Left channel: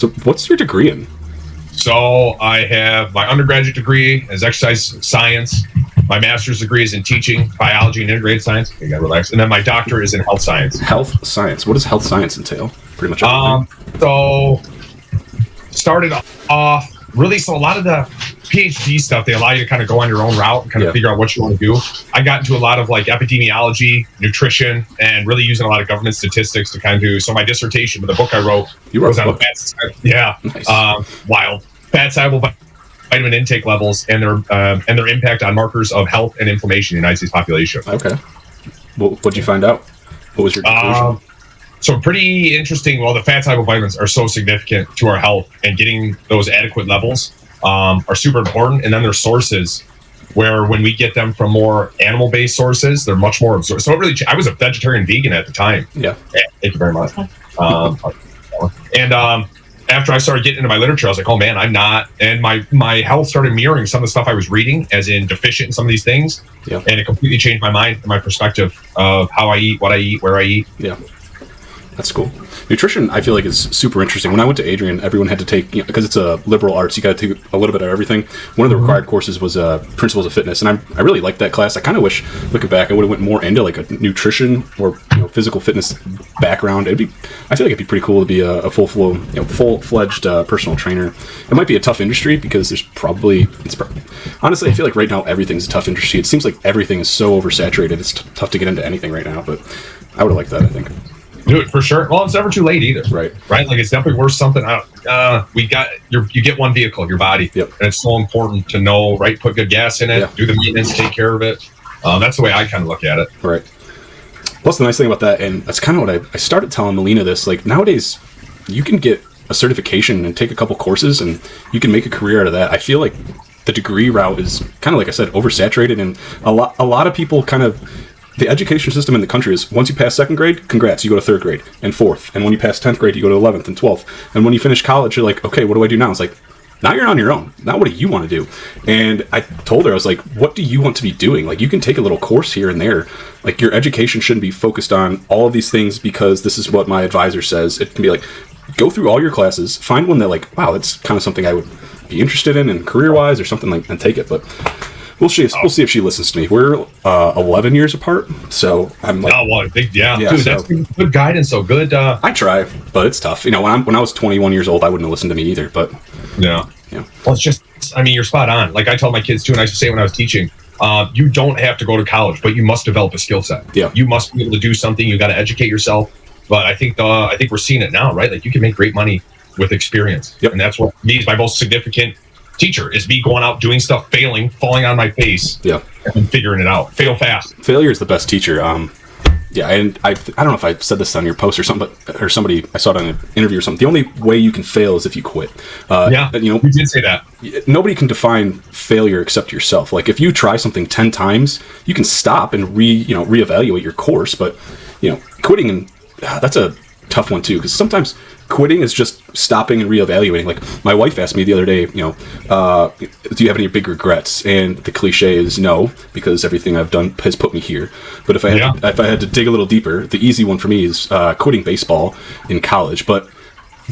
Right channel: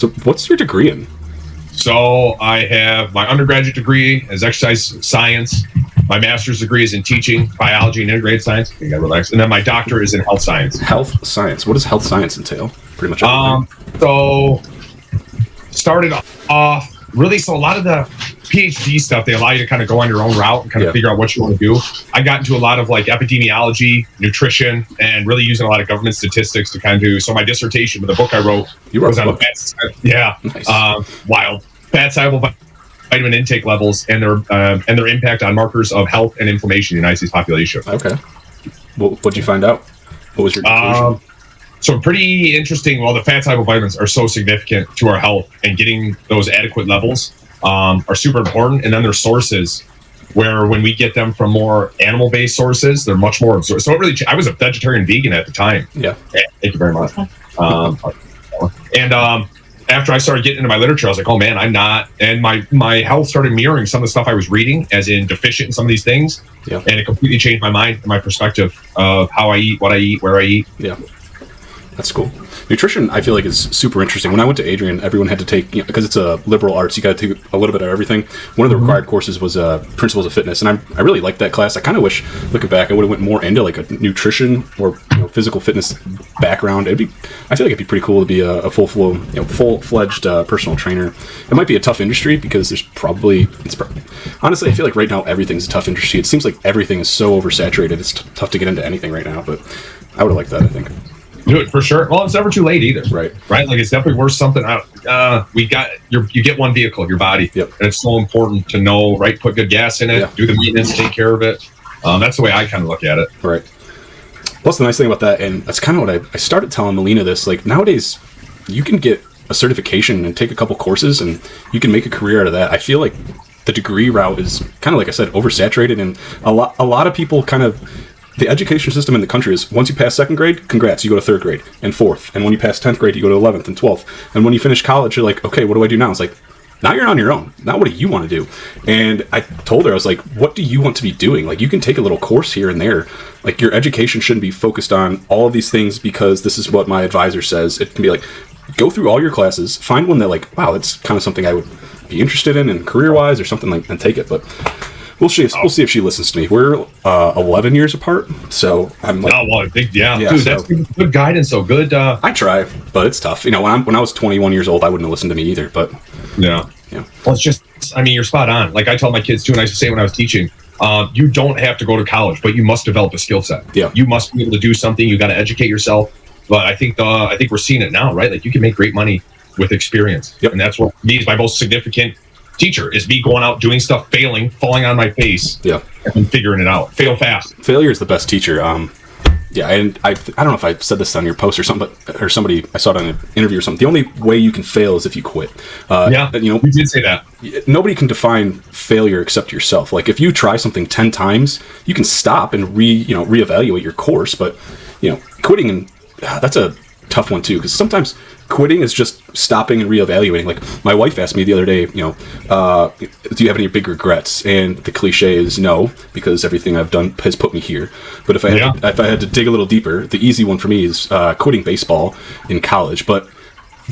So what's your degree in? So I have my undergraduate degree as exercise science. My master's degree is in teaching, biology, and integrated science. You gotta relax. And then my doctorate is in health science. Health science. What does health science entail? Pretty much. So started off really. So a lot of the PhD stuff, they allow you to kind of go on your own route and kind of figure out what you want to do. I got into a lot of like epidemiology, nutrition, and really using a lot of government statistics to kind of do. So my dissertation with the book I wrote was on wild fat soluble vitamin intake levels and their impact on markers of health and inflammation in the United States population. Okay. Well, what'd you find out? What was your conclusion? So pretty interesting. Well, the fat soluble vitamins are so significant to our health, and getting those adequate levels are super important. And then there's sources where when we get them from more animal-based sources, they're much more absorbed. So I was a vegetarian vegan at the time. Yeah. Thank you very much. After I started getting into my literature, I was like, oh man, I'm not. And my health started mirroring some of the stuff I was reading, as in deficient in some of these things. Yeah. And it completely changed my mind, my perspective of how I eat, what I eat, where I eat. Yeah. That's cool. Nutrition, I feel like, is super interesting. When I went to Adrian, everyone had to take, because it's a liberal arts, you got to take a little bit of everything. One of the required courses was principles of fitness, and I really liked that class. I kind of wish, looking back, I would have went more into like a nutrition or physical fitness background. I feel like it'd be pretty cool to be a full-fledged personal trainer. It might be a tough industry because there's honestly, I feel like right now everything's a tough industry. It seems like everything is so oversaturated. It's tough to get into anything right now, but I would have liked that, I think. Dude, for sure. Well, it's never too late either. Right. Like, it's definitely worth something. You get one vehicle, your body. Yeah. And it's so important to know, right? Put good gas in it, do the maintenance, take care of it. That's the way I kind of look at it. Right. What's the nice thing about that, and that's kind of what I started telling Melina this, like, nowadays, you can get a certification and take a couple courses, and you can make a career out of that. I feel like the degree route is kind of, like I said, oversaturated, and a lot of people kind of... The education system in the country is, once you pass second grade, congrats, you go to third grade and fourth. And when you pass 10th grade, you go to 11th and 12th. And when you finish college, you're like, okay, what do I do now? It's like, now you're on your own. Now what do you want to do? And I told her, I was like, what do you want to be doing? Like, you can take a little course here and there. Like, your education shouldn't be focused on all of these things because this is what my advisor says. It can be like, go through all your classes, find one that, like, wow, that's kind of something I would be interested in and career-wise or something, like, and take it. But... We'll see if she listens to me. We're 11 years apart, so I'm like... Dude, that's good guidance, so good... I try, but it's tough. You know, when I was 21 years old, I wouldn't have listened to me either, but... Yeah. Well, it's just... I mean, you're spot on. Like I told my kids, too, and I used to say when I was teaching, you don't have to go to college, but you must develop a skill set. Yeah. You must be able to do something. You got to educate yourself. But I think we're seeing it now, right? Like, you can make great money with experience. Yep. And that's what means my most significant... teacher is me going out, doing stuff, failing, falling on my face, and figuring it out. Fail fast. Failure is the best teacher. And I don't know if I said this on your post or something, or somebody, I saw it on an interview or something. The only way you can fail is if you quit. You did say that. Nobody can define failure except yourself. Like, if you try something 10 times, you can stop and reevaluate your course. But quitting, and that's a tough one too, because sometimes quitting is just stopping and reevaluating. Like, my wife asked me the other day, do you have any big regrets? And the cliche is no, because everything I've done has put me here. But if I had to dig a little deeper, the easy one for me is quitting baseball in college. But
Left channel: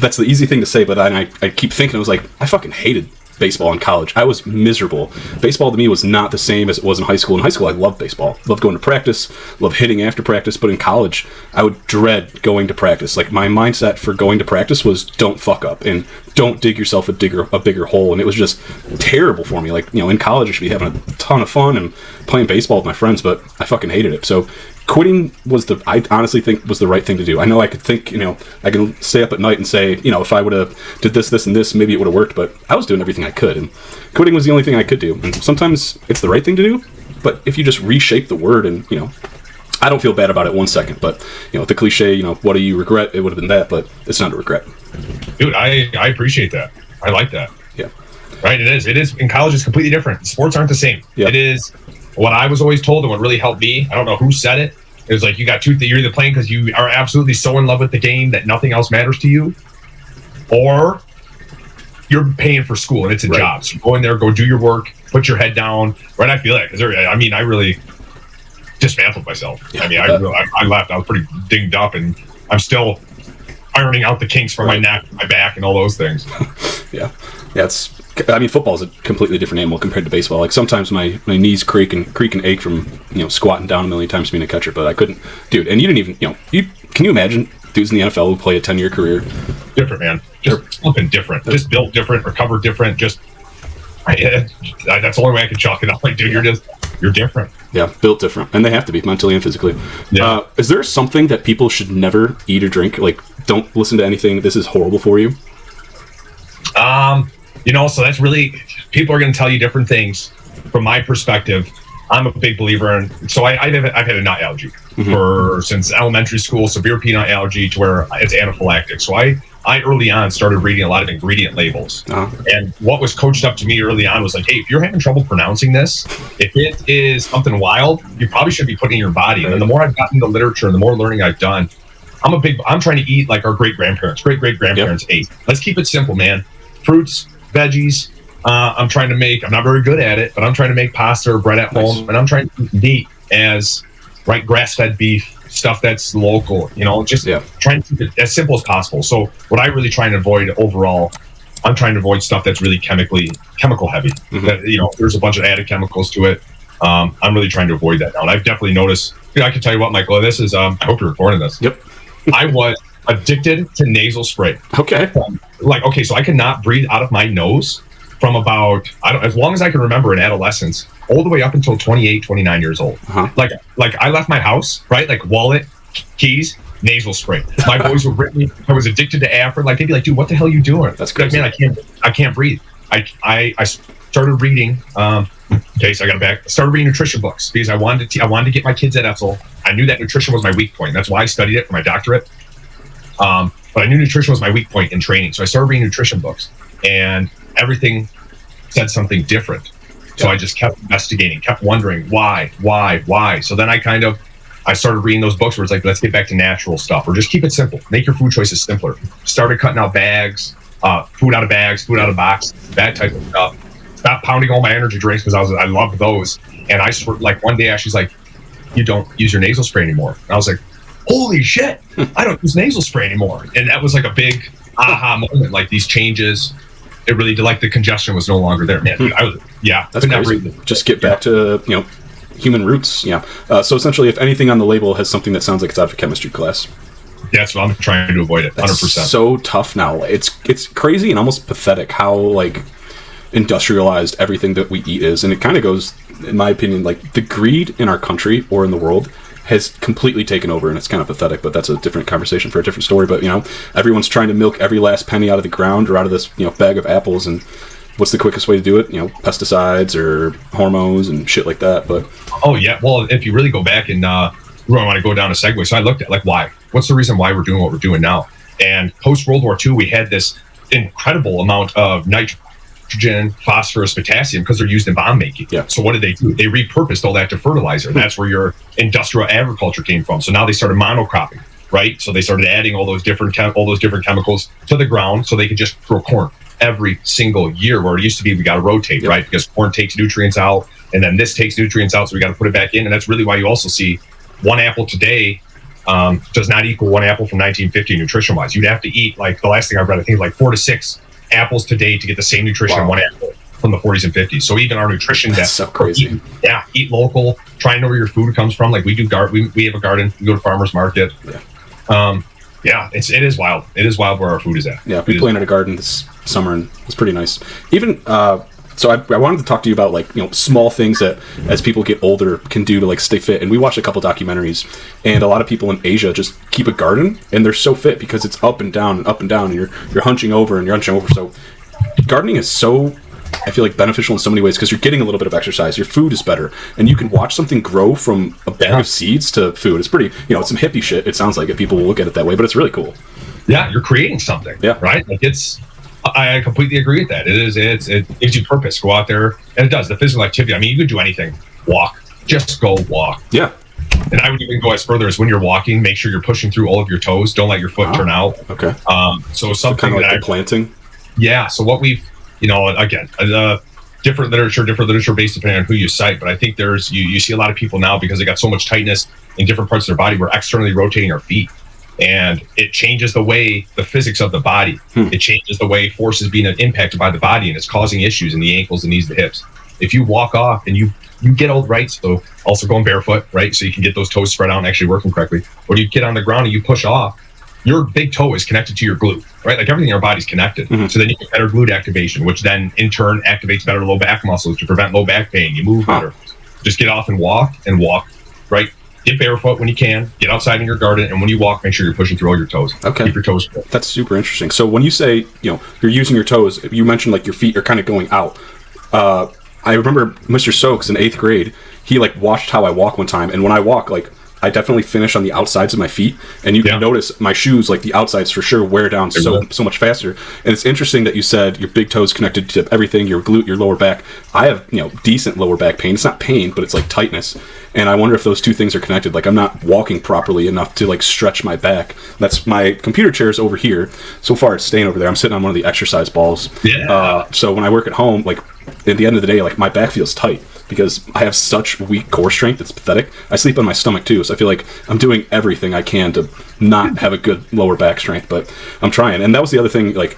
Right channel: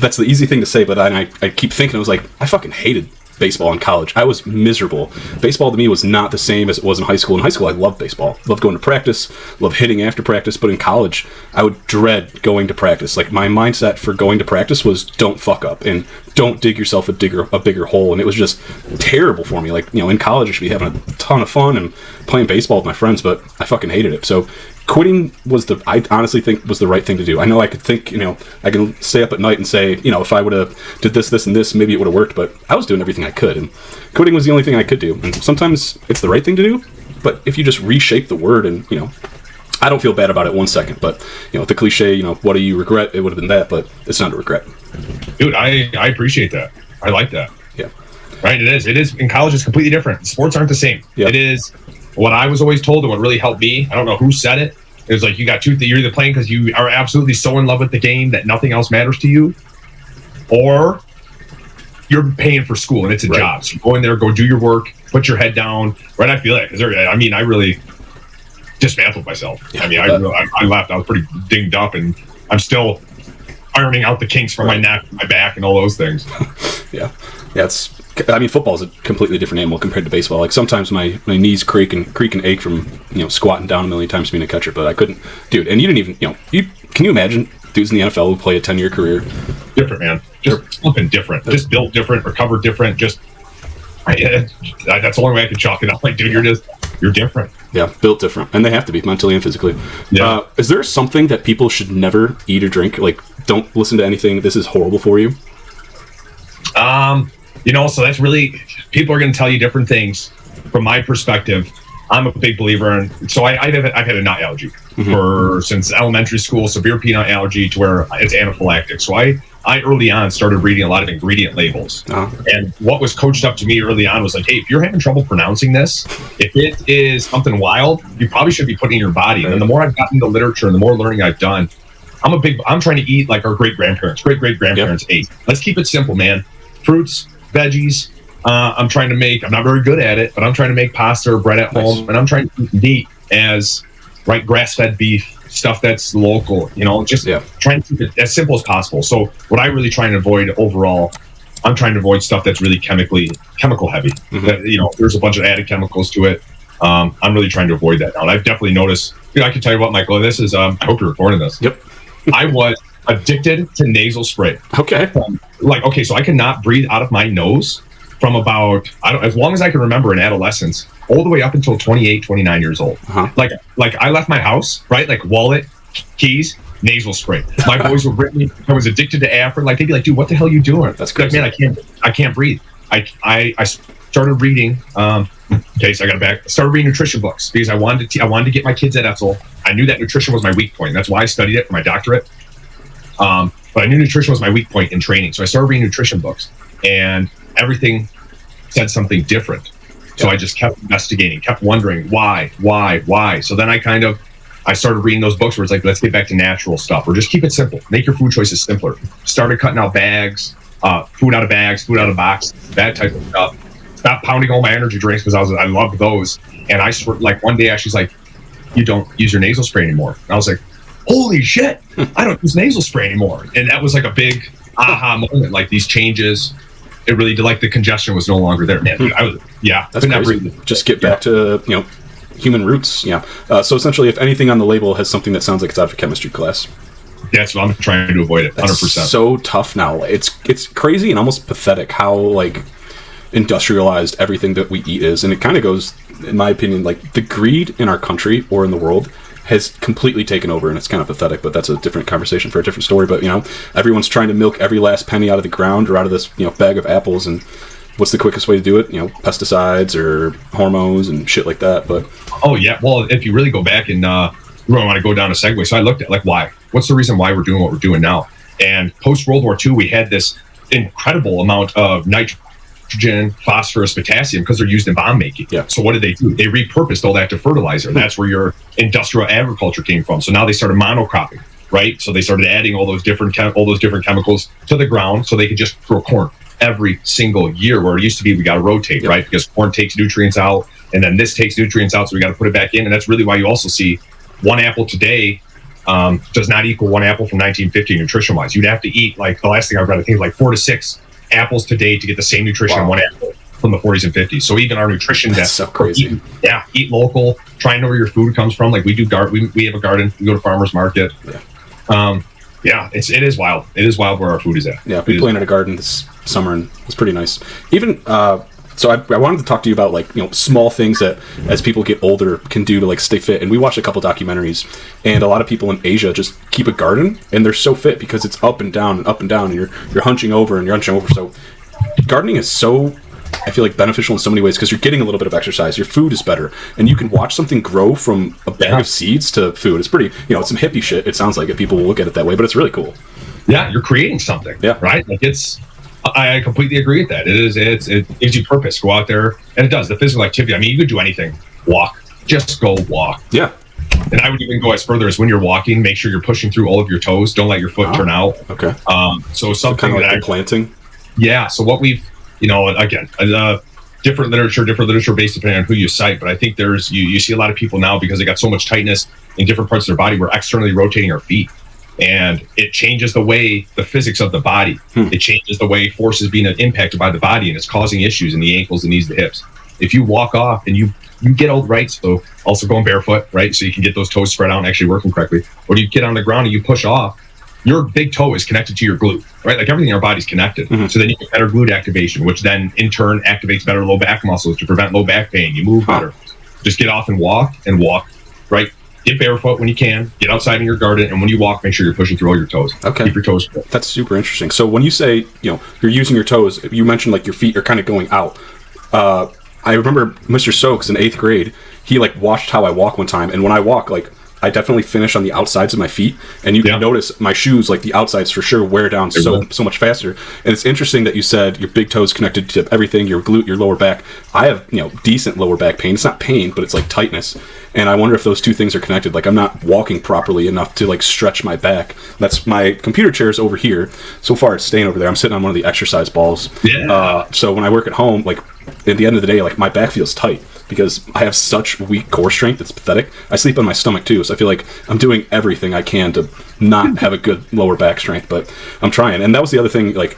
that's the easy thing to say, but I keep thinking, it was like, I fucking hated baseball in college. I was miserable. Baseball to me was not the same as it was in high school. In high school, I loved baseball. Loved going to practice, loved hitting after practice, but in college, I would dread going to practice. Like, my mindset for going to practice was don't fuck up and don't dig yourself a bigger hole. And it was just terrible for me. Like, in college, I should be having a ton of fun and playing baseball with my friends, but I fucking hated it. So quitting I honestly think was the right thing to do. I know I could think, I can stay up at night and say, if I would have did this, and this, maybe it would have worked, but I was doing everything I could, and quitting was the only thing I could do. And sometimes it's the right thing to do, but if you just reshape the word and, I don't feel bad about it 1 second, but, the cliche, what do you regret? It would have been that, but it's not a regret. Dude, I appreciate that. I like that. Yeah. Right, it is. In college, it's completely different. Sports aren't the same. Yeah. It is what I was always told, and what really helped me, I don't know who said it, it was like, you're either playing because you are absolutely so in love with the game that nothing else matters to you, or you're paying for school and it's a job. So you go in there, go do your work, put your head down. Right? I feel like, I really dismantled myself. I left. I was pretty dinged up, and I ironing out the kinks from my neck, my back, and all those things. Yeah. Football is a completely different animal compared to baseball. Like sometimes my knees creak and ache from squatting down a million times being a catcher, but I couldn't, dude. And you didn't even can you imagine dudes in the NFL who play a 10-year career? Different, man. Just something different. Just built different, recovered different. Just that's the only way I can chalk it up. Like, dude, you're different. Yeah, built different, and they have to be mentally and physically. Yeah. Is there something that people should never eat or drink? Like, don't listen to anything. This is horrible for you. So that's really, people are going to tell you different things. From my perspective, I'm a big believer in, so I've had a nut allergy since elementary school, severe peanut allergy to where it's anaphylactic. So I early on started reading a lot of ingredient labels. And what was coached up to me early on was like, hey, if you're having trouble pronouncing this, if it is something wild, you probably should be putting it in your body. And the more I've gotten into literature and the more learning I've done, I'm trying to eat like our great-grandparents ate. Let's keep it simple, man. Fruits, veggies. I'm not very good at it, but I'm trying to make pasta or bread at home, and I'm trying to eat meat as grass-fed beef, stuff that's local, trying to keep it as simple as possible. So what I really try to avoid overall, I'm trying to avoid stuff that's really chemical heavy. That, there's a bunch of added chemicals to it. I'm really trying to avoid that now. And I've definitely noticed, I can tell you what, Michael, and this is, I hope you're recording this. Yep. I was addicted to nasal spray. Okay. So I could not breathe out of my nose from about, as long as I can remember in adolescence, all the way up until 28, 29 years old. Like I left my house, right? Like wallet, keys, nasal spray. My boys were with me. I was addicted to Afrin. Like, they'd be like, dude, what the hell are you doing? That's good. Man, I can't breathe. I started reading, I started reading nutrition books because I wanted to get my kids at Etzel. I knew that nutrition was my weak point. That's why I studied it for my doctorate. But I knew nutrition was my weak point in training. So I started reading nutrition books, and everything said something different. So I just kept investigating, kept wondering why. So then I started reading those books where it's like, let's get back to natural stuff, or just keep it simple. Make your food choices simpler. Started cutting out bags, food out of bags, food out of boxes, that type of stuff. Stopped pounding all my energy drinks because I loved those. And I one day she's like, you don't use your nasal spray anymore. And I was like, holy shit, I don't use nasal spray anymore. And that was like a big aha moment, like these changes. It really, like, the congestion was no longer there. That's crazy. Just get back to human roots. Yeah. So essentially, if anything on the label has something that sounds like it's out of a chemistry class, that's what I'm trying to avoid it. 100%. It's so tough now. It's crazy and almost pathetic how industrialized everything that we eat is, and it kind of goes, in my opinion, like the greed in our country or in the world has completely taken over, and it's kind of pathetic, but that's a different conversation for a different story. But everyone's trying to milk every last penny out of the ground or out of this bag of apples, and what's the quickest way to do it? Pesticides or hormones and shit like that. But well, if you really go back and I want to go down a segue, so I looked at why, what's the reason why we're doing what we're doing now? And post World War II, we had this incredible amount of nitrogen, phosphorus, potassium, because they're used in bomb making. Yeah. So what did they do? They repurposed all that to fertilizer. That's where your industrial agriculture came from. So now they started monocropping, right? So they started adding all those different chemicals to the ground so they could just grow corn every single year, where it used to be we got to rotate, right? Because corn takes nutrients out, and then this takes nutrients out, so we got to put it back in. And that's really why you also see one apple today does not equal one apple from 1950 nutrition-wise. You'd have to eat, the last thing I've read, I think 4 to 6 apples today to get the same nutrition in one apple from the 40s and 50s. So even our nutrition, that's so crazy. Eat local. Try and know where your food comes from. Like we do, we have a garden. We go to farmers market. It is wild. It is wild where our food is at. Yeah, we planted a garden this summer, and it's pretty nice. Even so, I wanted to talk to you about small things that as people get older can do to stay fit. And we watched a couple documentaries, and a lot of people in Asia just keep a garden, and they're so fit because it's up and down, and you're hunching over. So gardening is so, I feel beneficial in so many ways because you're getting a little bit of exercise. Your food is better, and you can watch something grow from a bag of seeds to food. It's pretty, it's some hippie shit. It sounds like it. People will look at it that way, but it's really cool. Yeah, you're creating something. Yeah, right. I completely agree with that. It gives you purpose. Go out there, and it does. The physical activity. I mean, you can do anything. Walk. Just go walk. Yeah. And I would even go as further as when you're walking, make sure you're pushing through all of your toes. Don't let your foot turn out. Okay. So something that planting. Yeah. So what we've, again, different literature based depending on who you cite, but I think you see a lot of people now because they got so much tightness in different parts of their body. We're externally rotating our feet. and it changes the physics of the body. It changes the way force is being impacted by the body, and it's causing issues in the ankles, the knees, the hips. If you walk off and you get all right, so also going barefoot, right? So you can get those toes spread out and actually working correctly. When you get on the ground and you push off, your big toe is connected to your glute, right? Like everything in our body's connected. So then you get better glute activation, which then in turn activates better low back muscles to prevent low back pain. You move better. Just get off and walk, right? Get barefoot when you can. Get outside in your garden, and when you walk, make sure you're pushing through all your toes. Okay. Keep your toes full. That's super interesting. So when you say, you're using your toes, you mentioned like your feet are kind of going out. I remember Mr. Stokes in 8th grade, he like watched how I walk one time, and when I walk, like I definitely finish on the outsides of my feet, and you can notice my shoes, like the outsides for sure wear down so much faster. And it's interesting that you said your big toe is connected to everything, your glute, your lower back. I have, decent lower back pain. It's not pain, but it's like tightness. And I wonder if those two things are connected. Like I'm not walking properly enough to like stretch my back. That's my computer chair is over here. So far it's staying over there. I'm sitting on one of the exercise balls. So when I work at home, like at the end of the day, like my back feels tight because I have such weak core strength. It's pathetic. I sleep on my stomach too, so I feel like I'm doing everything I can to not have a good lower back strength, but I'm trying. And that was the other thing, like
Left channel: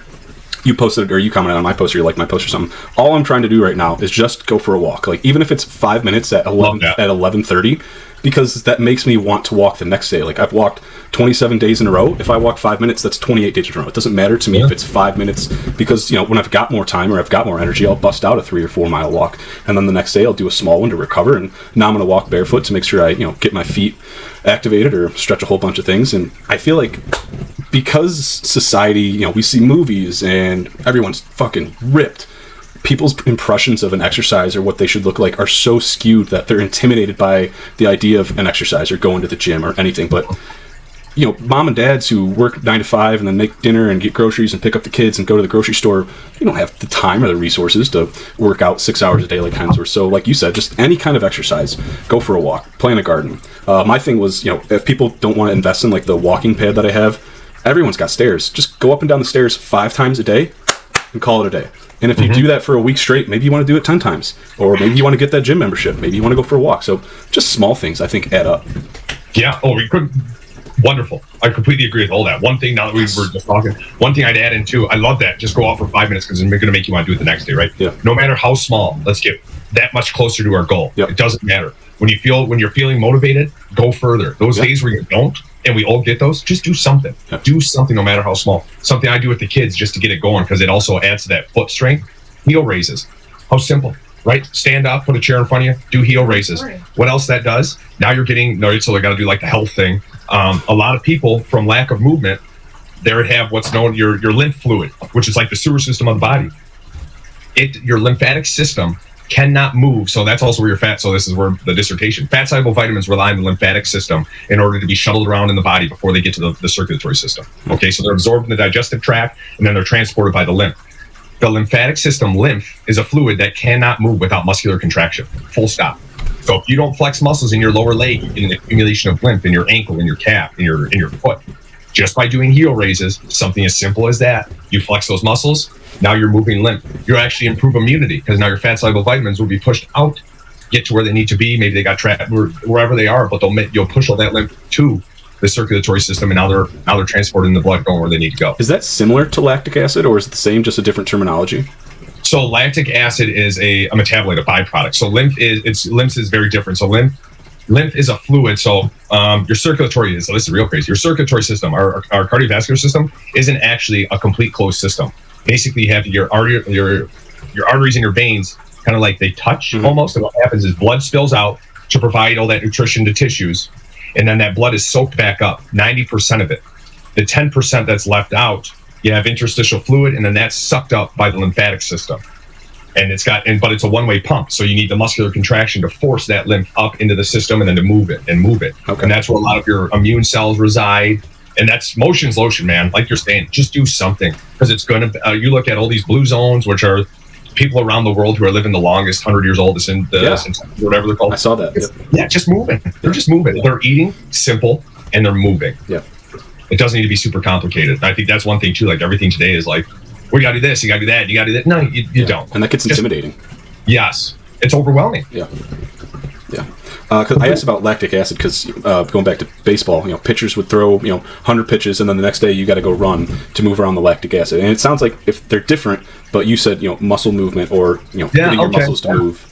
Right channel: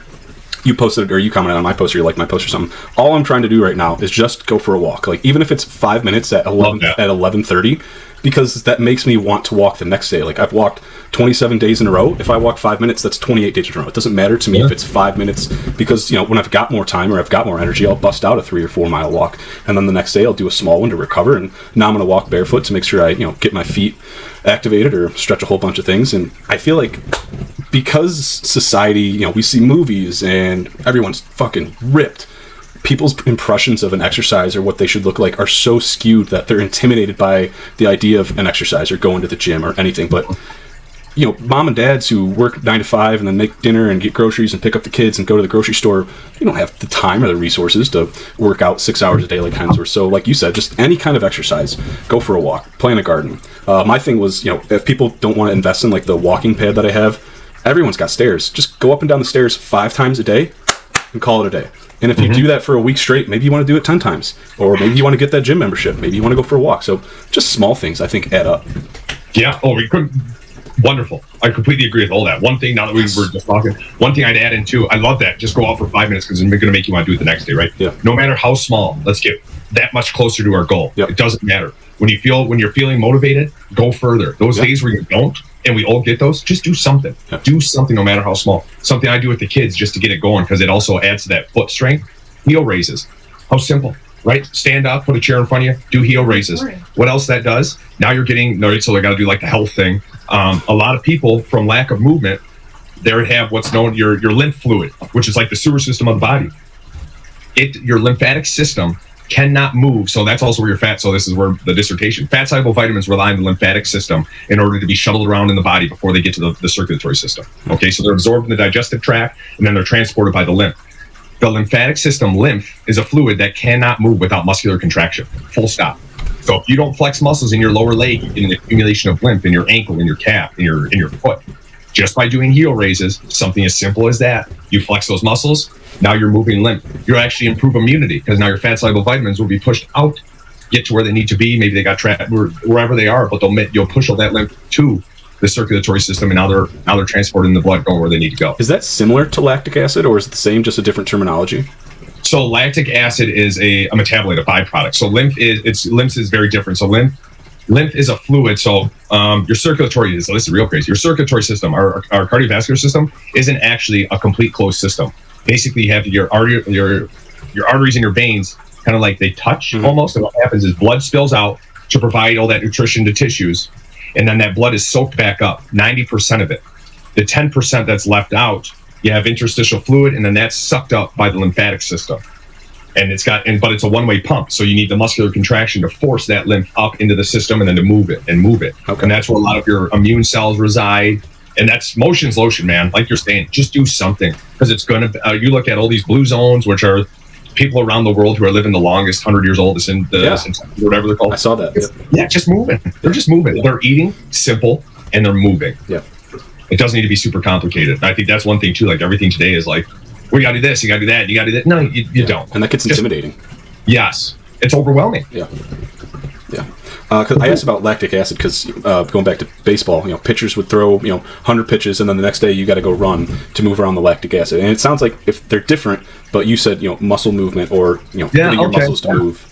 you posted, or you commented on my post, or you like my post or something. All I'm trying to do right now is just go for a walk. Like even if it's 5 minutes at 11:30, because that makes me want to walk the next day. Like I've walked 27 days in a row. If I walk 5 minutes, that's 28 days in a row. It doesn't matter to me if it's 5 minutes, because when I've got more time or I've got more energy, I'll bust out a 3 or 4 mile walk, and then the next day I'll do a small one to recover. And now I'm going to walk barefoot to make sure I get my feet activated or stretch a whole bunch of things. And I feel like because society, we see movies and everyone's fucking ripped, people's impressions of an exercise or what they should look like are so skewed that they're intimidated by the idea of an exercise or going to the gym or anything. But mom and dads who work 9 to 5 and then make dinner and get groceries and pick up the kids and go to the grocery store, you don't have the time or the resources to work out 6 hours a day like Hensworth. So like you said, just any kind of exercise, go for a walk, play in a garden. My thing was, if people don't want to invest in like the walking pad that I have, everyone's got stairs. Just go up and down the stairs 5 times a day and call it a day. And if you do that for a week straight, maybe you want to do it 10 times. Or maybe you want to get that gym membership. Maybe you want to go for a walk. So just small things, I think, add up. Yeah. Oh, we could. Wonderful. I completely agree with all that. One thing, now that we were just talking, one thing I'd add in too, I love that. Just go out for 5 minutes because it's going to make you want to do it the next day, right? Yeah. No matter how small, let's get that much closer to our goal. Yep. It doesn't matter. When you're feeling motivated, go further. Those days where you don't, and we all get those, just do something. Yep. Do something no matter how small. Something I do with the kids just to get it going because it also adds to that foot strength. Heel raises. How simple, right? Stand up, put a chair in front of you, do heel raises. Right. What else that does? Now you're getting, so I got to do like the health thing. A lot of people, from lack of movement, they have what's known your lymph fluid, which is like the sewer system of the body. Your lymphatic system cannot move, so that's also where your fat. So this is where the dissertation. Fat soluble vitamins rely on the lymphatic system in order to be shuttled around in the body before they get to the circulatory system. Okay, so they're absorbed in the digestive tract and then they're transported by the lymph. The lymphatic system, lymph, is a fluid that cannot move without muscular contraction. Full stop. So if you don't flex muscles in your lower leg, you get an accumulation of lymph in your ankle, in your calf, in your foot. Just by doing heel raises, something as simple as that, you flex those muscles, now you're moving lymph. You'll actually improve immunity because now your fat-soluble vitamins will be pushed out, get to where they need to be. Maybe they got trapped wherever they are, but you'll push all that lymph to the circulatory system, and now they're transporting the blood going where they need to go. Is that similar to lactic acid, or is it the same, just a different terminology? So lactic acid is a metabolite, a byproduct. So lymph is very different. So lymph is a fluid. So your circulatory is, listen, real crazy. Your circulatory system, our cardiovascular system, isn't actually a complete closed system. Basically, you have your arteries and your veins kind of like they touch almost. And what happens is blood spills out to provide all that nutrition to tissues, and then that blood is soaked back up. 90% of it. The 10% that's left out, you have interstitial fluid, and then that's sucked up by the lymphatic system. And but it's a one-way pump. So you need the muscular contraction to force that lymph up into the system and then to move it. Okay. And that's where a lot of your immune cells reside. And that's motion's lotion, man. Like you're saying, just do something. Because it's going to, you look at all these blue zones, which are people around the world who are living the longest, 100 years old, whatever they're called. I saw that. Yeah, just moving. They're just moving. They're eating, simple, and they're moving. Yeah. It doesn't need to be super complicated. I think that's one thing, too. Like, everything today is like, we got to do this, you got to do that, you got to do that. No, you don't. And that gets intimidating. Yes. It's overwhelming. Yeah. Because I asked about lactic acid because going back to baseball, pitchers would throw 100 pitches, and then the next day you got to go run to move around the lactic acid. And it sounds like if they're different, but you said muscle movement or getting your muscles to move.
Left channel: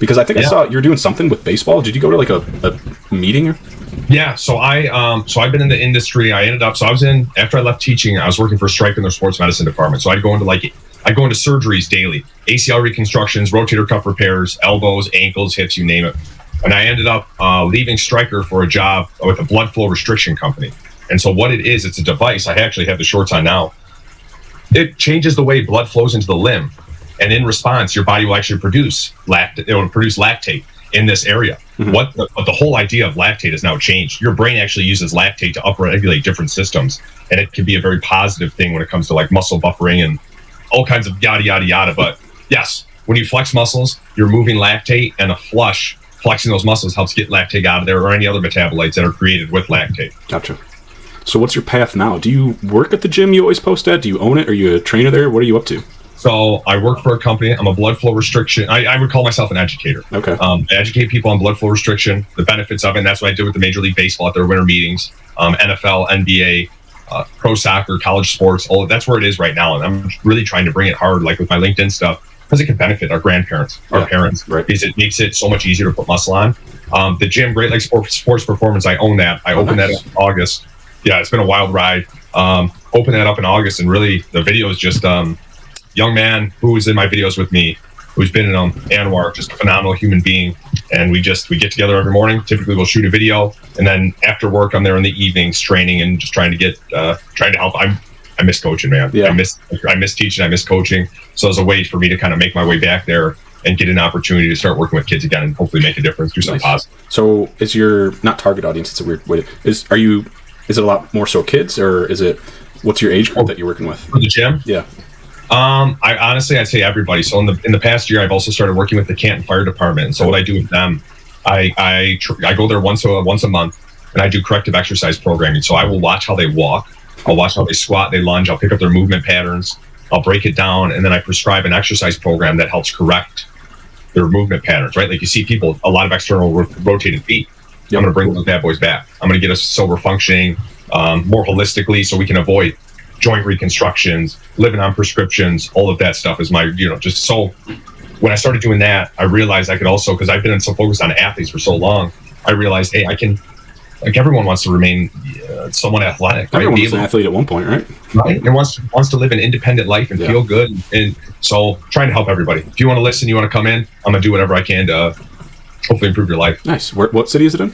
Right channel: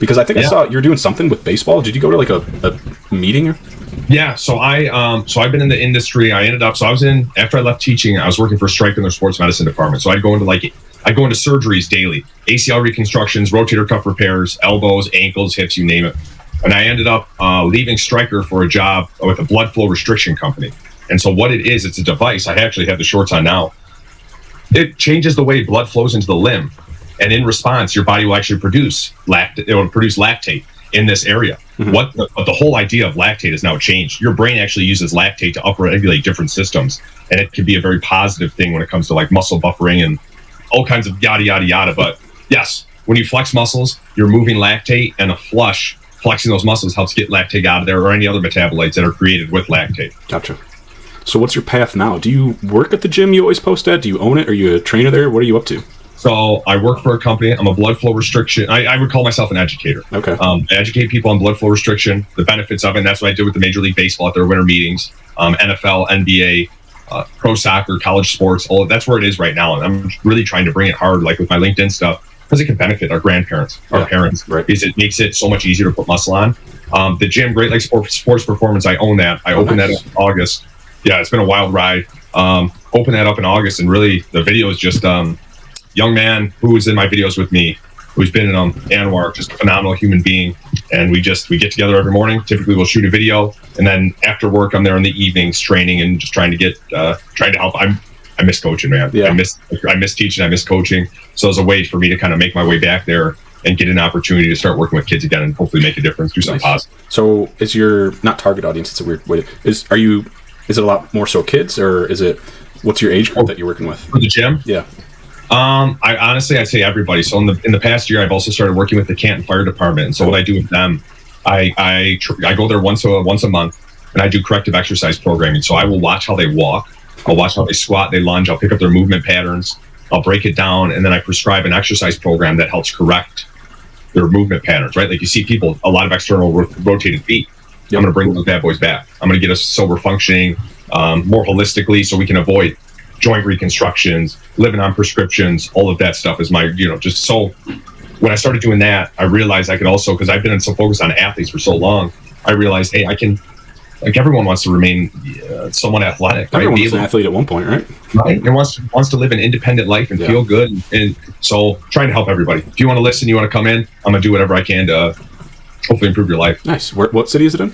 Because I think I saw you're doing something with baseball. Did you go to like a meeting? Yeah, so I've been in the industry. I was after I left teaching, I was working for Stryker in their sports medicine department. So I'd go into surgeries daily, ACL reconstructions, rotator cuff repairs, elbows, ankles, hips, you name it. And I ended up leaving Stryker for a job with a blood flow restriction company. And so what it is, it's a device. I actually have the shorts on now. It changes the way blood flows into the limb. And in response, your body will actually produce lactate in this area. Mm-hmm. But the whole idea of lactate has now changed. Your brain actually uses lactate to upregulate different systems. And it can be a very positive thing when it comes to like muscle buffering and all kinds of yada, yada, yada. But yes, when you flex muscles, you're moving lactate, and flexing those muscles helps get lactate out of there or any other metabolites that are created with lactate. Gotcha. So what's your path now? Do you work at the gym you always post at? Do you own it? Are you a trainer there? What are you up to? So I work for a company. I'm a blood flow restriction. I would call myself an educator. Okay. I educate people on blood flow restriction, the benefits of it. And that's what I did with the Major League Baseball at their winter meetings, NFL, NBA, pro soccer, college sports. That's where it is right now. And I'm really trying to bring it hard, like with my LinkedIn stuff, because it can benefit our grandparents, our parents. Right. Because it makes it so much easier to put muscle on. The gym, Great Lakes Sports Performance, I own that. I opened that in August. Yeah, it's been a wild ride. Opened that up in August, and really the video is just young man who was in my videos with me, who's been in Anwar, just a phenomenal human being. And we get together every morning. Typically we'll shoot a video, and then after work I'm there in the evenings training and just trying to help. I miss coaching, man. Yeah. I miss teaching. I miss coaching. So it's a way for me to kind of make my way back there and get an opportunity to start working with kids again and hopefully make a difference, do something positive. So is your, not target audience, it's a weird way to, is it a lot more so kids, or what's your age group that you're working with? For the gym? Yeah. I'd say everybody. So in the past year, I've also started working with the Canton Fire Department. And so what I do with them, I go there once a month, and I do corrective exercise programming. So I will watch how they walk. I'll watch how they squat, they lunge. I'll pick up their movement patterns. I'll break it down, and then I prescribe an exercise program that helps correct their movement patterns, right? Like you see people, a lot of external rotated feet. I'm going to bring those bad boys back. I'm going to get us so we're functioning more holistically so we can avoid joint reconstructions, living on prescriptions. All of that stuff is just so. When I started doing that, I realized I could also, because I've been so focused on athletes for so long, I realized, hey, I can, like everyone wants to remain somewhat athletic, right? Be able to athlete at one point, right? Right. And wants to live an independent life and feel good. And so trying to help everybody. If you want to listen, you want to come in, I'm going to do whatever I can to hopefully improve your life. Nice. What city is it in?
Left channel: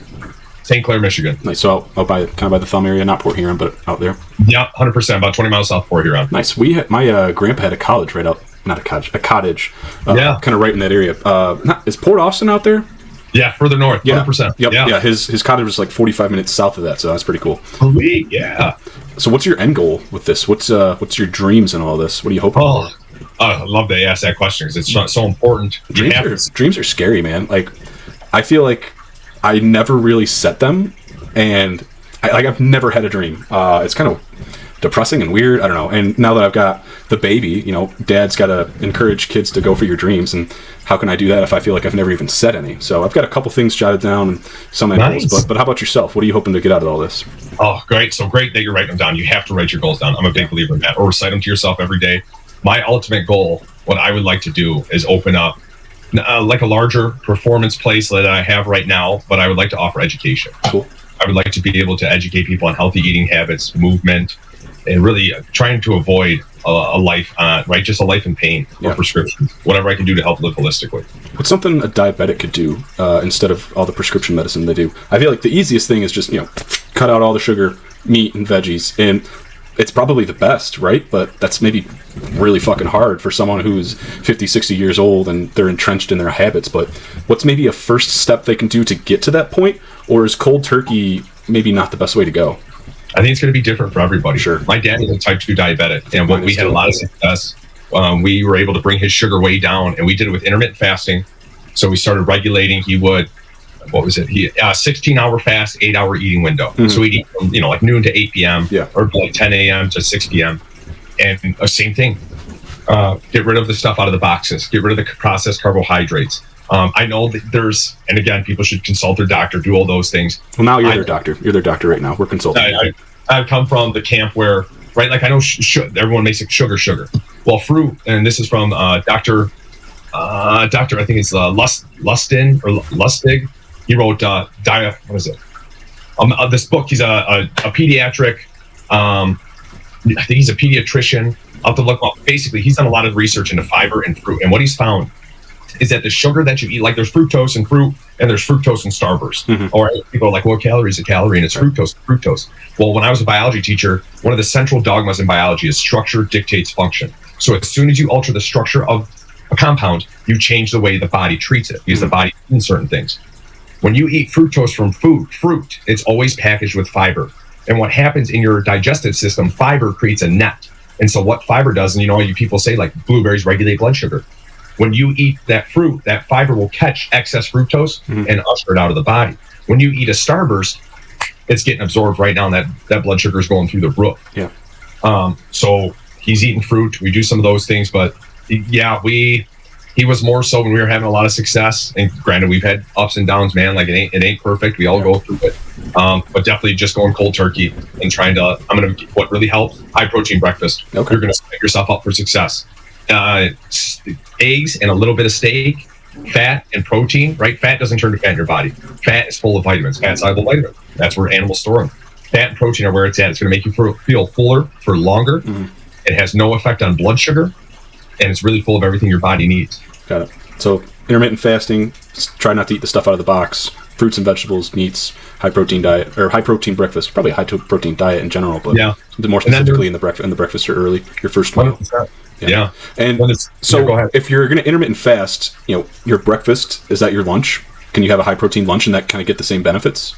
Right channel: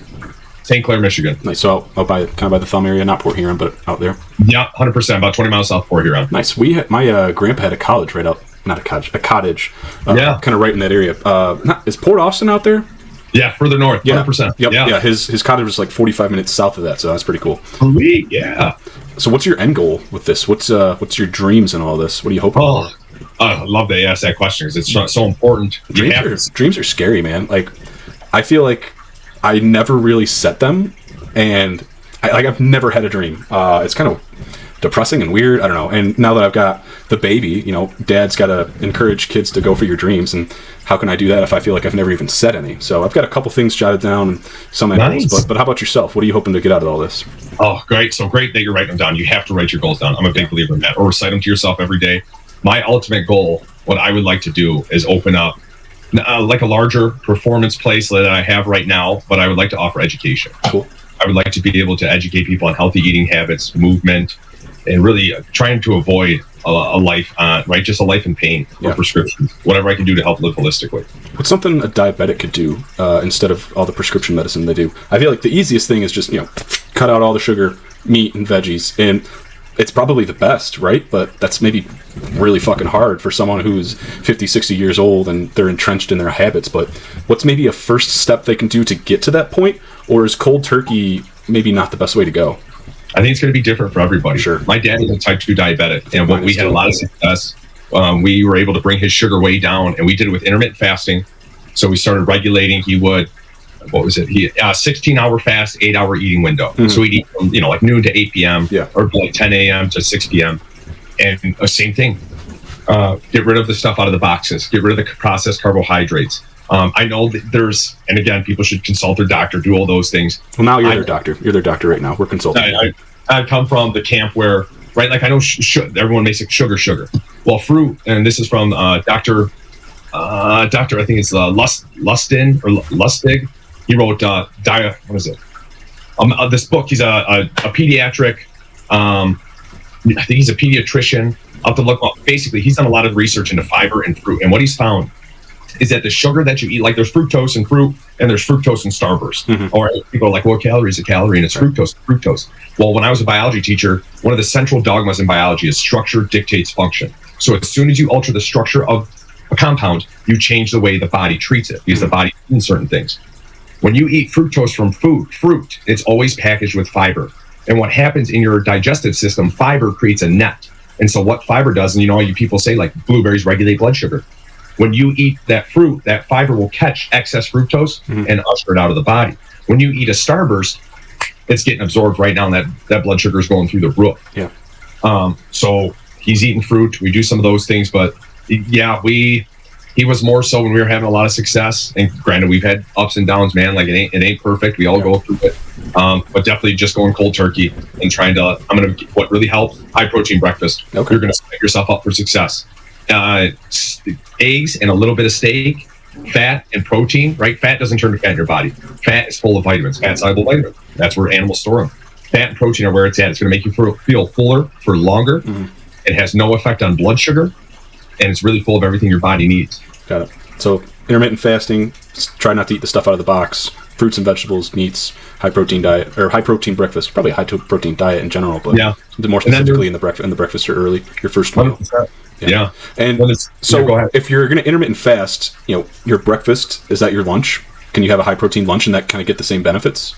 St. Clair, Michigan. Nice. So out by the Thumb area, not Port Huron, but out there. Yeah, 100%. About 20 miles south of Port Huron. Nice. My grandpa had a cottage right up, not a cottage, a cottage. Kind of right in that area. Is Port Huron out there? Yeah, further north. 100%. Yep. Yeah. His cottage was like 45 minutes south of that, so that's pretty cool. Sweet. Yeah. So what's your end goal with this? What's your dreams and all this? What are you hoping for? I love that you asked that question because it's so important. Dreams are scary, man. Like, I feel like I never really set them, and I've never had a dream. It's kind of depressing and weird. I don't know. And now that I've got the baby, dad's got to encourage kids to go for your dreams. And how can I do that if I feel like I've never even said any? So I've got a couple things jotted down and some ideas. But how about yourself? What are you hoping to get out of all this? Oh, great. So great that you're writing them down. You have to write your goals down. I'm a big believer in that. Or recite them to yourself every day. My ultimate goal, what I would like to do is open up like a larger performance place than I have right now, but I would like to offer education. Cool. I would like to be able to educate people on healthy eating habits, movement, and really trying to avoid a life just a life in pain or prescriptions, whatever I can do to help live holistically. It's something a diabetic could do instead of all the prescription medicine they do. I feel like the easiest thing is just, cut out all the sugar, meat, and veggies, and it's probably the best, right? But that's maybe really fucking hard for someone who's 50, 60 years old and they're entrenched in their habits. But what's maybe a first step they can do to get to that point? Or is cold turkey maybe not the best way to go? I think it's going to be different for everybody. Sure. My dad is a type 2 diabetic, and we had a lot of success. We were able to bring his sugar way down, and we did it with intermittent fasting. So we started regulating. He would, 16-hour fast, 8-hour eating window. Mm-hmm. So he'd eat, like noon to 8 p.m. or like 10 a.m. to 6 p.m. And same thing. Get rid of the stuff out of the boxes. Get rid of the processed carbohydrates. I know that and again, people should consult their doctor, do all those things. Well, now you're their doctor. You're their doctor right now. We're consulting. I come from the camp where, right, like I know everyone makes it sugar. Well, fruit, and this is from Doctor, I think it's Lustig. He wrote what is it? This book. He's a pediatric. I think he's a pediatrician. I'll have to look up. Basically, he's done a lot of research into fiber and fruit, and what he's found is that the sugar that you eat, like there's fructose in fruit, and there's fructose in Starburst. Mm-hmm. Or people are like, well, calorie is a calorie, and it's fructose. Well, when I was a biology teacher, one of the central dogmas in biology is structure dictates function. So as soon as you alter the structure of a compound, you change the way the body treats it, because the body eats certain things. When you eat fructose from fruit, it's always packaged with fiber. And what happens in your digestive system, fiber creates a net. And so what fiber does, and you people say like blueberries regulate blood sugar. When you eat that fruit, that fiber will catch excess fructose and usher it out of the body. When you eat a Starburst, it's getting absorbed right now, and that blood sugar is going through the roof. Yeah. So he's eating fruit. We do some of those things, but yeah, he was more so when we were having a lot of success. And granted, we've had ups and downs, man. Like it ain't perfect. We all go through it. But definitely just going cold turkey and what really helps, high protein breakfast. Okay. You're going to set yourself up for success. Eggs and a little bit of steak, fat and protein, right? Fat doesn't turn to fat in your body. Fat is full of vitamins, fat-soluble vitamins. That's where animals store them. Fat and protein are where it's at. It's going to make you feel fuller for longer. Mm-hmm. It has no effect on blood sugar, and it's really full of everything your body needs. Got it. So intermittent fasting, try not to eat the stuff out of the box. Fruits and vegetables, meats, high protein diet, or high protein breakfast. Probably high protein diet in general, but more specifically in the breakfast or early your first meal. Yeah. And so if you're going to intermittent fast, your breakfast, is that your lunch? Can you have a high protein lunch and that kind of get the same benefits?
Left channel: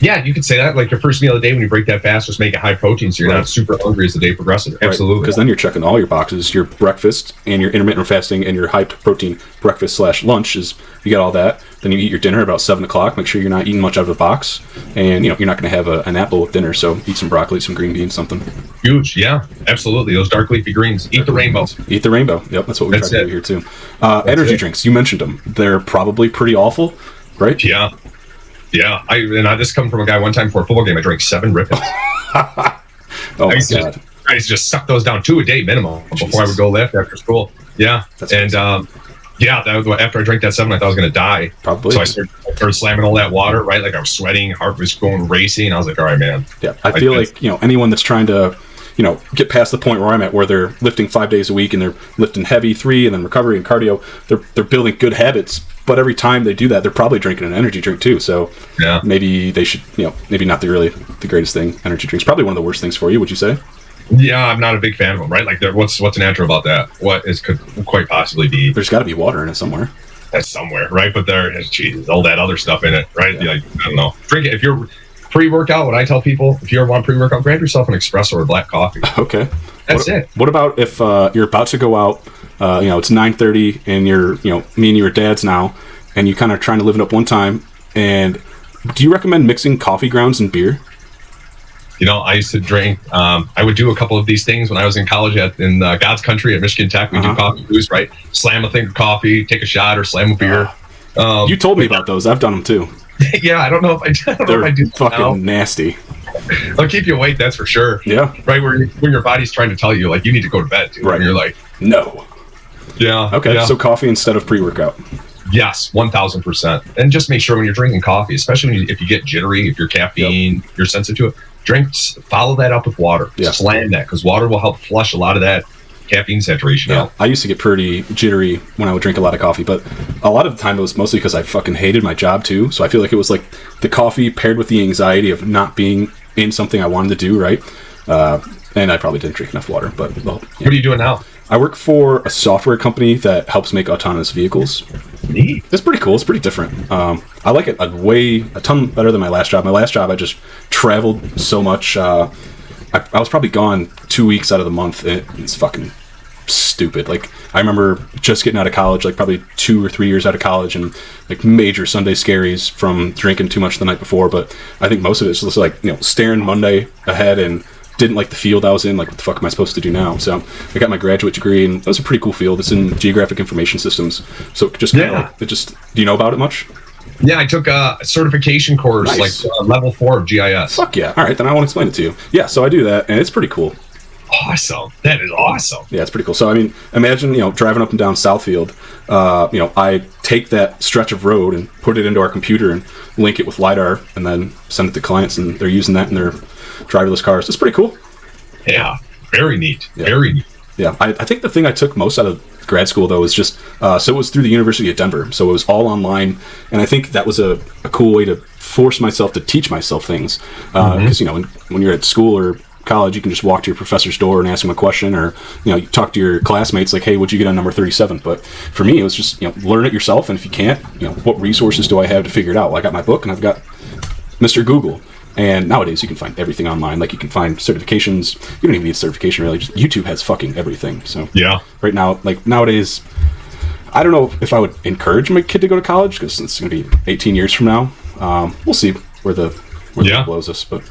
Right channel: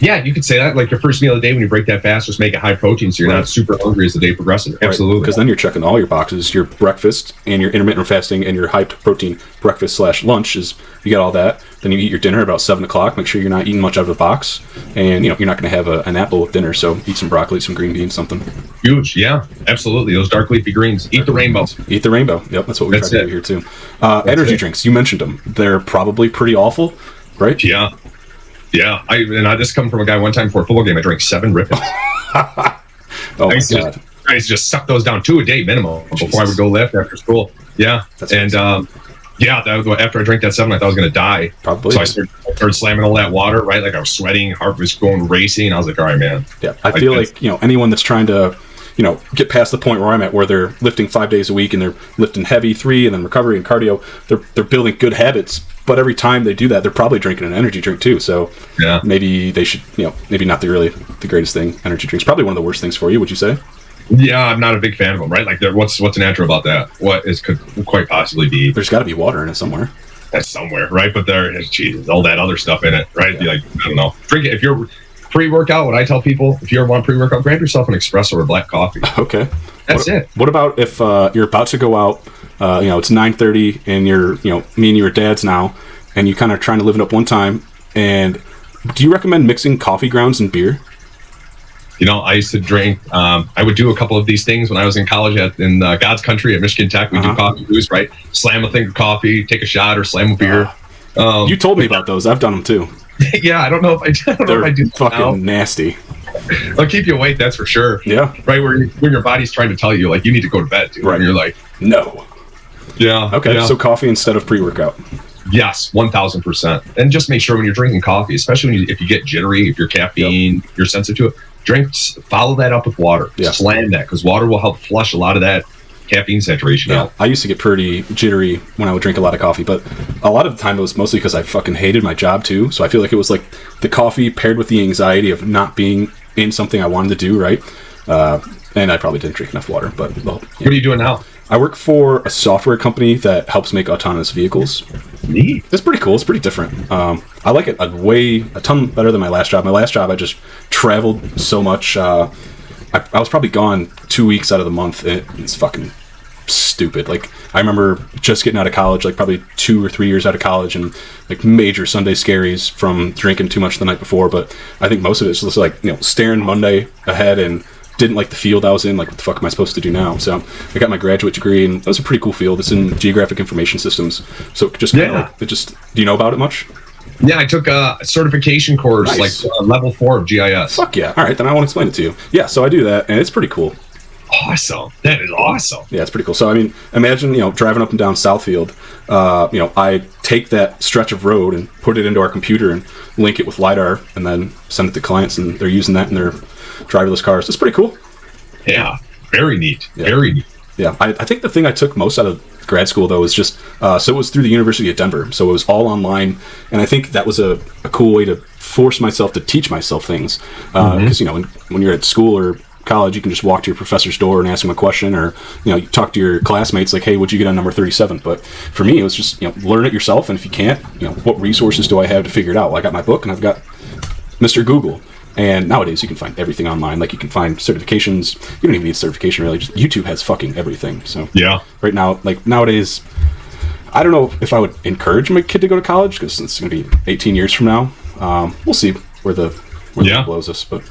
Yeah, you could say that. Like your first meal of the day when you break that fast, just make it high protein so you're not super hungry as the day progresses. Right. Absolutely. Because then you're checking all your boxes. Your breakfast and your intermittent fasting and your high protein breakfast / lunch is, you get all that. Then you eat your dinner about 7 o'clock. Make sure you're not eating much out of the box. And, you're not going to have an apple with dinner. So eat some broccoli, some green beans, something. Huge. Yeah, absolutely. Those dark leafy greens. Eat the rainbow. Eat the rainbow. Yep, that's what we're trying to do here, too. Energy drinks. You mentioned them. They're probably pretty awful, right? Yeah. Yeah. I just come from a guy one time before a football game. I drank 7 Ripples. I used to just suck those down 2 a day minimum before I would go lift after school. Yeah. That was after I drank that 7, I thought I was going to die. Probably. So I started slamming all that water, right? Like I was sweating, heart was going racing. I was like, all right, man. Yeah. I feel like, anyone that's trying to, get past the point where I'm at, where they're lifting 5 days a week and they're lifting heavy 3 and then recovery and cardio, they're building good habits. But every time they do that, they're probably drinking an energy drink too. So maybe they should, maybe not the greatest thing. Energy drinks, probably one of the worst things for you, would you say? Yeah, I'm not a big fan of them, right? Like, what's natural about that? What could quite possibly be? There's got to be water in it somewhere. That's somewhere, right? But there is, all that other stuff in it, right? Yeah. Like, I don't know. Drink it. If you're pre-workout, what I tell people, if you ever want pre-workout, grab yourself an espresso or black coffee. Okay. That's it. What about if you're about to go out, it's 9:30 and you're, me and your dad's now, and you kind of trying to live it up one time, and do you recommend mixing coffee grounds and beer? I used to drink. I would do a couple of these things when I was in college in God's country at Michigan Tech. We do coffee boost, right? Slam a thing of coffee, take a shot, or slam a beer. You told me about those. I've done them too. Yeah, I don't know if I do. Fucking nasty. They'll keep you awake, that's for sure. Yeah. Right, when your body's trying to tell you, like, you need to go to bed. Right. And you're like, no. Yeah. Okay, yeah. So coffee instead of pre-workout. Yes, 1,000%. And just make sure when you're drinking coffee, especially if you get jittery, if you're caffeine, you're sensitive to it, follow that up with water. Yeah. Slam that, because water will help flush a lot of that caffeine saturation out. I used to get pretty jittery when I would drink a lot of coffee, but a lot of the time it was mostly because I fucking hated my job too. So I feel like it was like the coffee paired with the anxiety of not being in something I wanted to do, right? And I probably didn't drink enough water. But What are you doing now? I work for a software company that helps make autonomous vehicles. Neat. It's pretty cool. It's pretty different. I like it a ton better than my last job. My last job, I just traveled so much. I was probably gone 2 weeks out of the month. It's fucking stupid. Like, I remember just getting out of college, like probably 2 or 3 years out of college, and like major Sunday scaries from drinking too much the night before. But I think most of it's just like, staring Monday ahead and didn't like the field I was in. Like, what the fuck am I supposed to do now? So I got my graduate degree, and that was a pretty cool field. It's in geographic information systems. So it just, do you know about it much? Yeah, I took a certification course, Nice. like level 4 of GIS. Fuck yeah. All right, then I want to explain it to you. Yeah, so I do that, and it's pretty cool. Awesome. That is awesome. Yeah, it's pretty cool. So, I mean, imagine, driving up and down Southfield. I take that stretch of road and put it into our computer and link it with LiDAR and then send it to clients, and they're using that in their driverless cars. It's pretty cool. Yeah, very neat. Yeah. Very neat. Yeah, I think the thing I took most out of grad school, though, is just, so it was through the University of Denver. So it was all online, and I think that was a cool way to force myself to teach myself things. Because, when you're at school or college, you can just walk to your professor's door and ask him a question, or you talk to your classmates like, hey, what'd you get on number 37? But for me, it was just learn it yourself, and if you can't, what resources do I have to figure it out? Well, I got my book, and I've got Mr. Google. And nowadays, you can find everything online. Like, you can find certifications. You don't even need a certification, really. Just YouTube has fucking everything. So yeah, right now, like nowadays, I don't know if I would encourage my kid to go to college, because it's going to be 18 years from now. We'll see where the blows us, but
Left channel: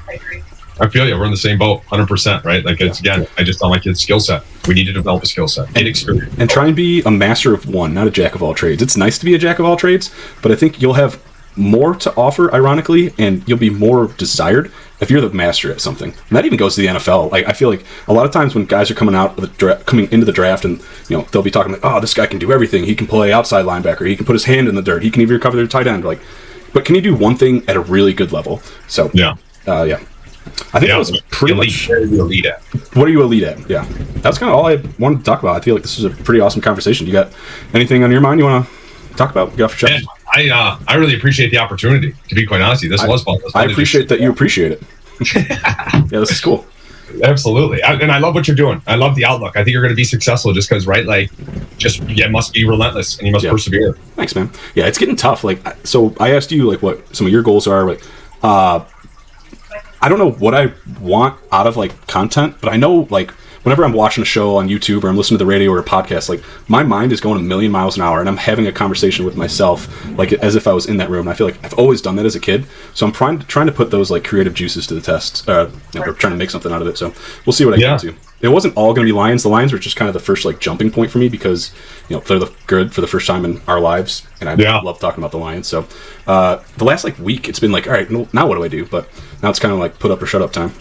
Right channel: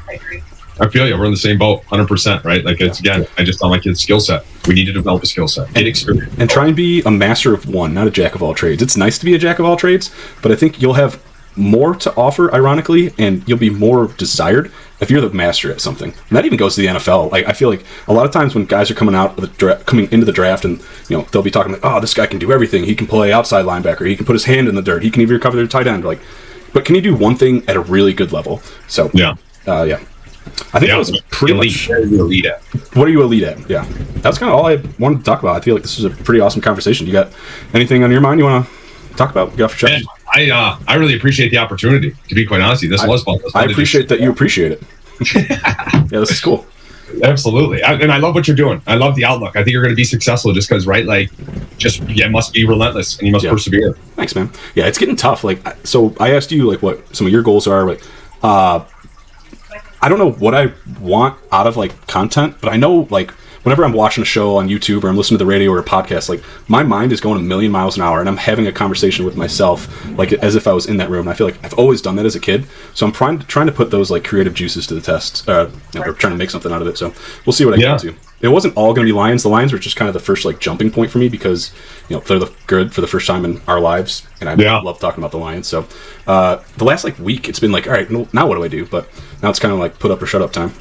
I feel you. We're in the same boat, 100%, right? Like, it's, again, I just don't like his skill set. We need to develop a skill set and experience. And try and be a master of one, not a jack of all trades. It's nice to be a jack of all trades, but I think you'll have more to offer, ironically, and you'll be more desired if you're the master at something. And that even goes to the NFL. Like, I feel like a lot of times when guys are coming into the draft, and they'll be talking like, oh, this guy can do everything. He can play outside linebacker. He can put his hand in the dirt. He can even recover their tight end. Like, but can you do one thing at a really good level? So yeah. I think that was pretty much elite at. What are you elite at? Yeah, that's kind of all I wanted to talk about. I feel like this is a pretty awesome conversation. You got anything on your mind you want to talk about? Get off your chest. I really appreciate the opportunity. To be quite honest, this was fun. I appreciate that you appreciate it. Yeah, this is cool. Absolutely, and I love what you're doing. I love the outlook. I think you're going to be successful just because, right? Like, you must be relentless and you must persevere. Thanks, man. Yeah, it's getting tough. Like, so I asked you like what some of your goals are, but I don't know what I want out of like content, but I know like whenever I'm watching a show on YouTube or I'm listening to the radio or a podcast, like my mind is going a million miles an hour, and I'm having a conversation with myself, like as if I was in that room. And I feel like I've always done that as a kid, so I'm trying to put those like creative juices to the test, or trying to make something out of it. So we'll see what I can do. It wasn't all going to be Lions. The Lions were just kind of the first like jumping point for me because they're good for the first time in our lives, and I love talking about the Lions. So the last like week, it's been like, all right, now what do I do? But now it's kind of like put up or shut up time.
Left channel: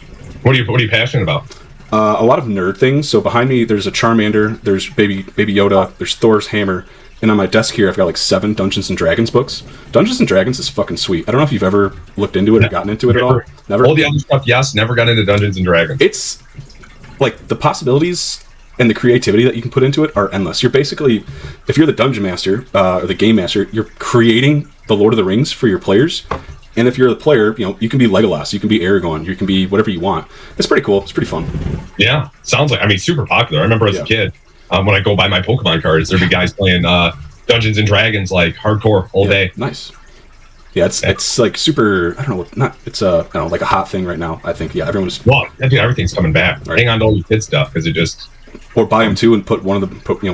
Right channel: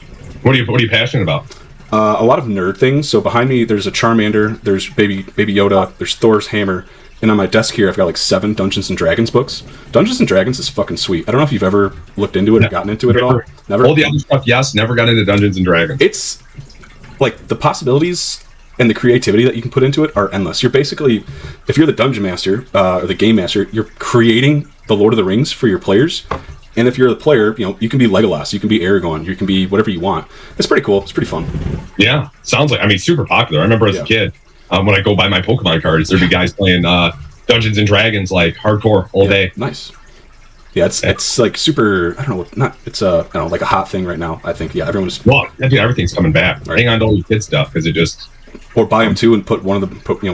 What are you passionate about? A lot of nerd things. So behind me, there's a Charmander, there's Baby Yoda, there's Thor's hammer, and on my desk here, I've got like 7 Dungeons and Dragons books. Dungeons and Dragons is fucking sweet. I don't know if you've ever looked into it or gotten into it at all. Never. All the other stuff, yes. Never got into Dungeons and Dragons. It's like the possibilities and the creativity that you can put into it are endless. You're basically, if you're the dungeon master or the game master, you're creating the Lord of the Rings for your players. And if you're the player, you can be Legolas, you can be Aragorn, you can be whatever you want. It's pretty cool. It's pretty fun. Yeah, sounds like, super popular. I remember as a kid, when I go buy my Pokemon cards, there'd be guys playing Dungeons and Dragons like hardcore all day. Nice. Yeah, it's like super. I don't know. It's like a hot thing right now. I think everyone's. Well, I think everything's coming back. Right. Hang on to all your kid stuff because it just. Or buy them too and put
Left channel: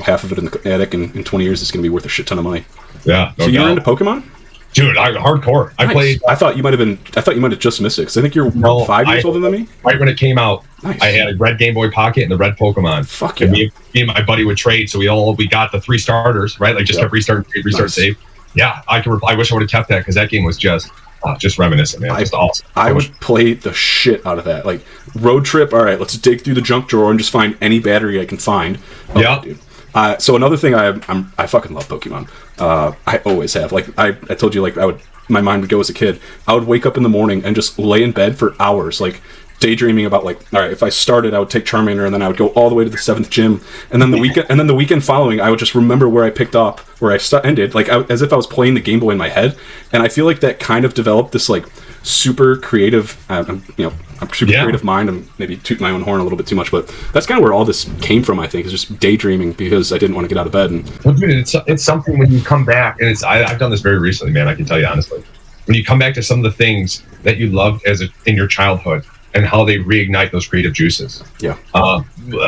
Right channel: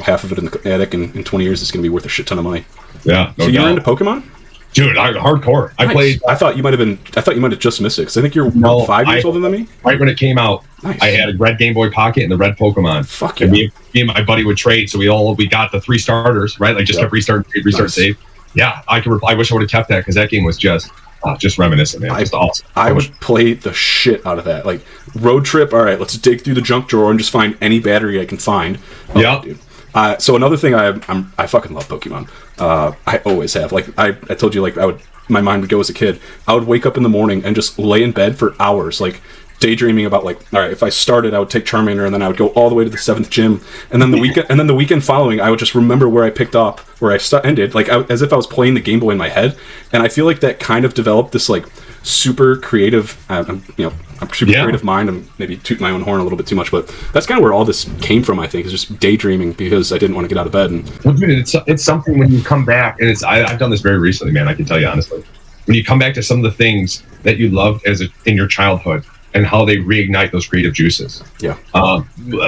half of it in the attic, and in 20 years it's going to be worth a shit ton of money. Yeah. So you're into Pokemon? Dude, I'm hardcore. Nice. I played. I thought you might have just missed it because I think you're 5 years older than me. Right when it came out, nice. I had a red Game Boy Pocket and the red Pokemon. Fuck. And me and my buddy would trade, so we got the 3 starters, right? Like just kept restarting, save. Yeah, I wish I would have kept that because that game was just reminiscent, man. Just awesome. I played the shit out of that. Like road trip. All right, let's dig through the junk drawer and just find any battery I can find. Yeah. So another thing I fucking love Pokemon. I always have. Like I told you, like my mind would go as a kid. I would wake up in the morning and just lay in bed for hours, like daydreaming about like, all right, if I started, I would take Charmander and then I would go all the way to the 7th gym, and then the weekend following, I would just remember where I picked up, where I ended, like as if I was playing the Game Boy in my head, and I feel like that kind of developed this like super creative, creative mind, and maybe toot my own horn a little bit too much, but that's kind of where all this came from. I think is just daydreaming because I didn't want to get out of bed. Well, dude, it's something when you come back, and I've done this very recently, man. I can tell you honestly, when you come back to some of the things that you loved in your childhood, and how they reignite those creative juices. Yeah.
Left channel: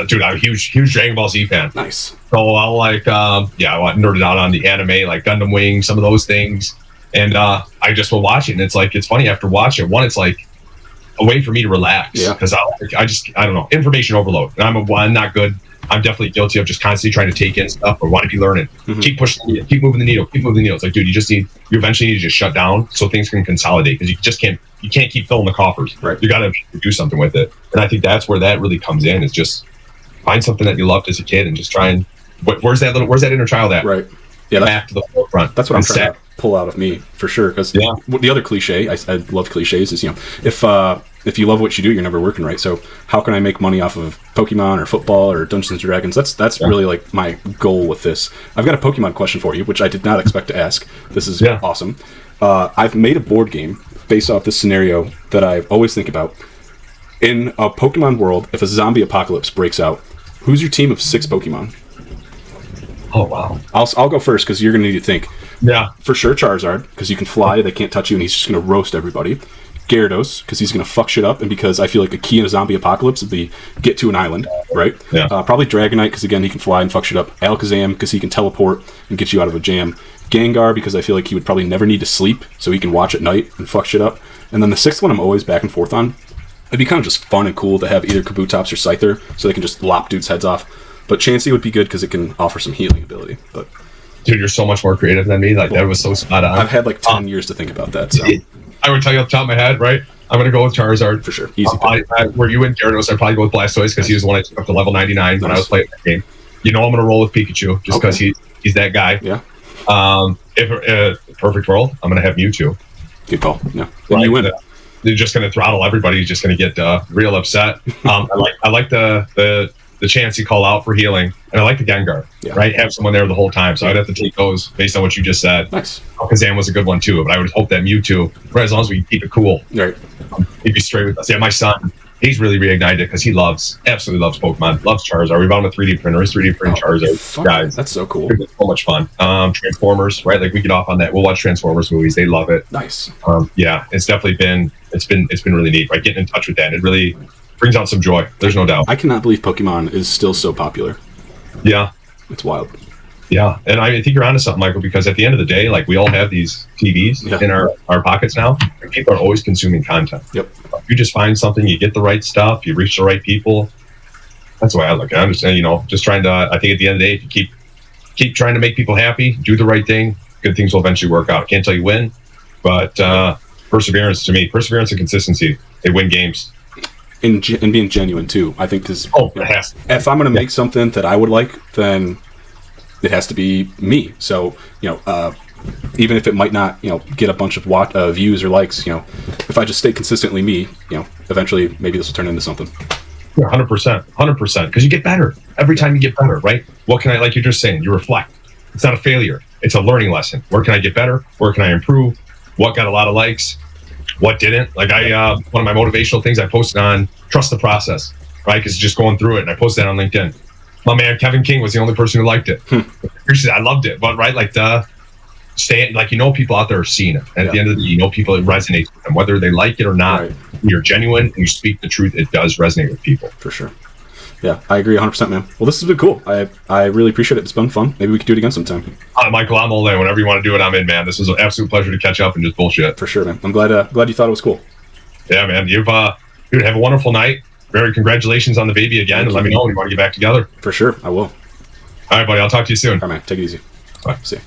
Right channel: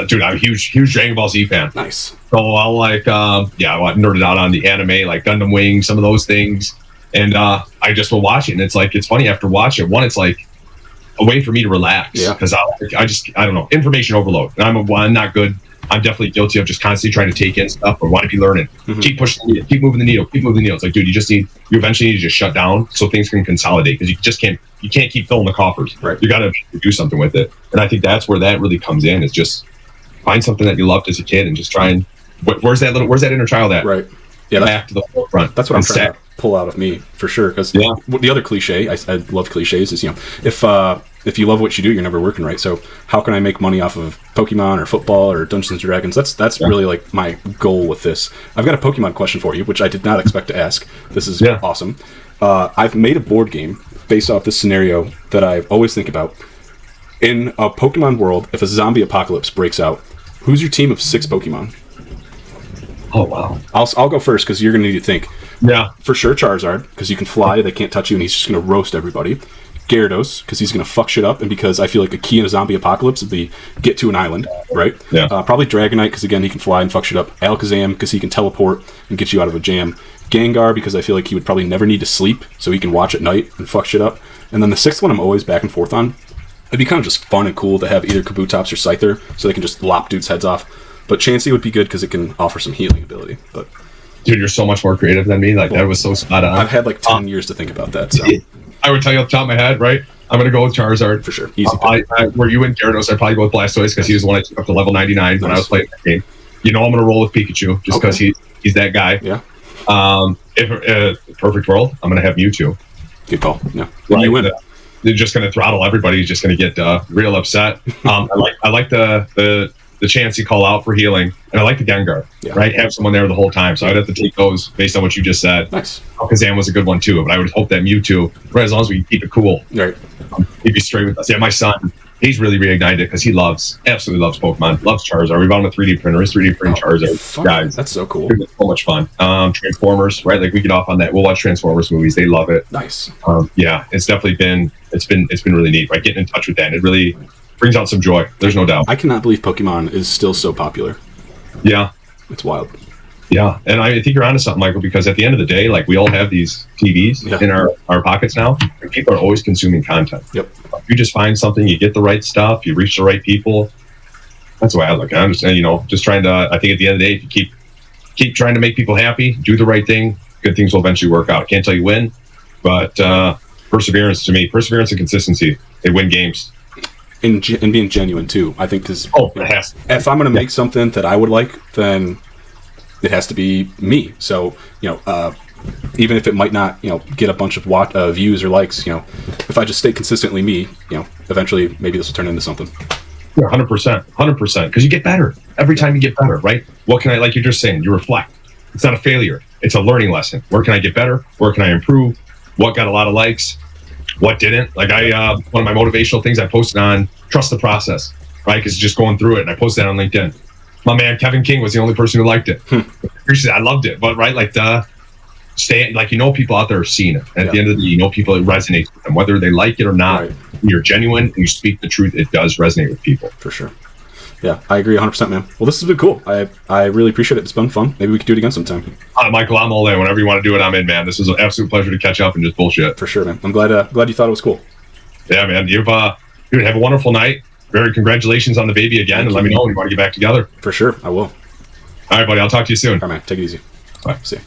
Dude, I'm a huge Dragon Ball Z fan. Nice. So I'll I nerded out on the anime, like Gundam Wing, some of those things. And I just will watch it. And it's funny after watching it. One, it's like, a way for me to relax because I don't know, information overload. I'm not good. I'm definitely guilty of just constantly trying to take in stuff or want to be learning. Keep pushing the needle, keep moving the needle, keep moving the needle. It's like, dude, you eventually need to just shut down so things can consolidate because you can't keep filling the coffers. Right. You got to do something with it. And I think that's where that really comes in, is just find something that you loved as a kid and just try and where's that inner child at? Right. Yeah, back to the forefront. That's what I'm trying to pull out of me for sure. Because the other cliche, I love cliches, is if you love what you do, you're never working, right? So how can I make money off of Pokemon or football or Dungeons and Dragons? That's really like my goal with this. I've got a Pokemon question for you, which I did not expect to ask. This is awesome. I've made a board game based off this scenario that I always think about. In a Pokemon world, if a zombie apocalypse breaks out, who's your team of 6 Pokemon? Oh, wow. I'll go first because you're going to need to think. Yeah. For sure, Charizard, because you can fly, they can't touch you, and he's just going to roast everybody. Gyarados, because he's going to fuck shit up, and because I feel like the key in a zombie apocalypse is the get to an island, right? Yeah. Probably Dragonite, because again, he can fly and fuck shit up. Alakazam, because he can teleport and get you out of a jam. Gengar, because I feel like he would probably never need to sleep, so he can watch at night and fuck shit up. And then the 6th one I'm always back and forth on. It'd be kind of just fun and cool to have either Kabutops or Scyther, so they can just lop dudes' heads off. But Chansey would be good because it can offer some healing ability. But dude, you're so much more creative than me. Like, that was so spot on. I've had like 10 years to think about that. So I would tell you off the top of my head, right? I'm going to go with Charizard. For sure. Easy. Where you and Gyarados, I'd probably go with Blastoise because he was the one I took up to level 99 when I was playing that game. I'm going to roll with Pikachu just because he's that guy. Yeah. If perfect world, I'm going to have Mewtwo. Good call. Yeah. Well, you win. You're just going to throttle everybody. He's just going to get real upset. I like the chance you call out for healing, and I like the Gengar, right? Have someone there the whole time. So I'd have to take those based on what you just said. Nice. Kazam was a good one too, but I would hope that Mewtwo, right, as long as we keep it cool, right? He'd be straight with us. Yeah, my son, he's really reignited because he absolutely loves Pokemon, loves Charizard. We bought him a 3D printer. His 3D printing Charizard, guys. That's so cool. It's so much fun. Transformers, right? Like we get off on that. We'll watch Transformers movies. They love it. Nice. Yeah, it's definitely been really neat. Right, getting in touch with that, it really brings out some joy. There's no doubt. I cannot believe Pokemon is still so popular. Yeah, it's wild. Yeah, and I think you're onto something, Michael, because at the end of the day, like we all have these TVs in our pockets now, and people are always consuming content. Yep. If you just find something, you get the right stuff, you reach the right people. That's why I look at it. I'm just, just trying to, I think at the end of the day, if you keep trying to make people happy, do the right thing, good things will eventually work out. Can't tell you when, but perseverance and consistency, they win games. And being genuine too, I think, because if I'm going to make something that I would like, then it has to be me. So even if it might not get a bunch of views or likes, if I just stay consistently me, eventually maybe this will turn into something. 100%, because you get better every time you get better, right? What can I, like you're just saying, you reflect. It's not a failure; it's a learning lesson. Where can I get better? Where can I improve? What got a lot of likes? What didn't? Like one of my motivational things I posted on trust the process, right? Because just going through it, and I posted that on LinkedIn. My man Kevin King was the only person who liked it. I loved it, but right, like people out there are seeing it. At the end of the day, people, it resonates with them, whether they like it or not. Right. You're genuine and you speak the truth. It does resonate with people. For sure. Yeah, I agree 100%, man. Well, this has been cool. I really appreciate it. It's been fun. Maybe we could do it again sometime. Michael, I'm all in. Whenever you want to do it, I'm in, man. This was an absolute pleasure to catch up and just bullshit. For sure, man. I'm glad you thought it was cool. Yeah, man. Dude, have a wonderful night. Very congratulations on the baby again. And let me know when you want to get back together. For sure, I will. All right, buddy. I'll talk to you soon. All right, man. Take it easy. Bye. See ya.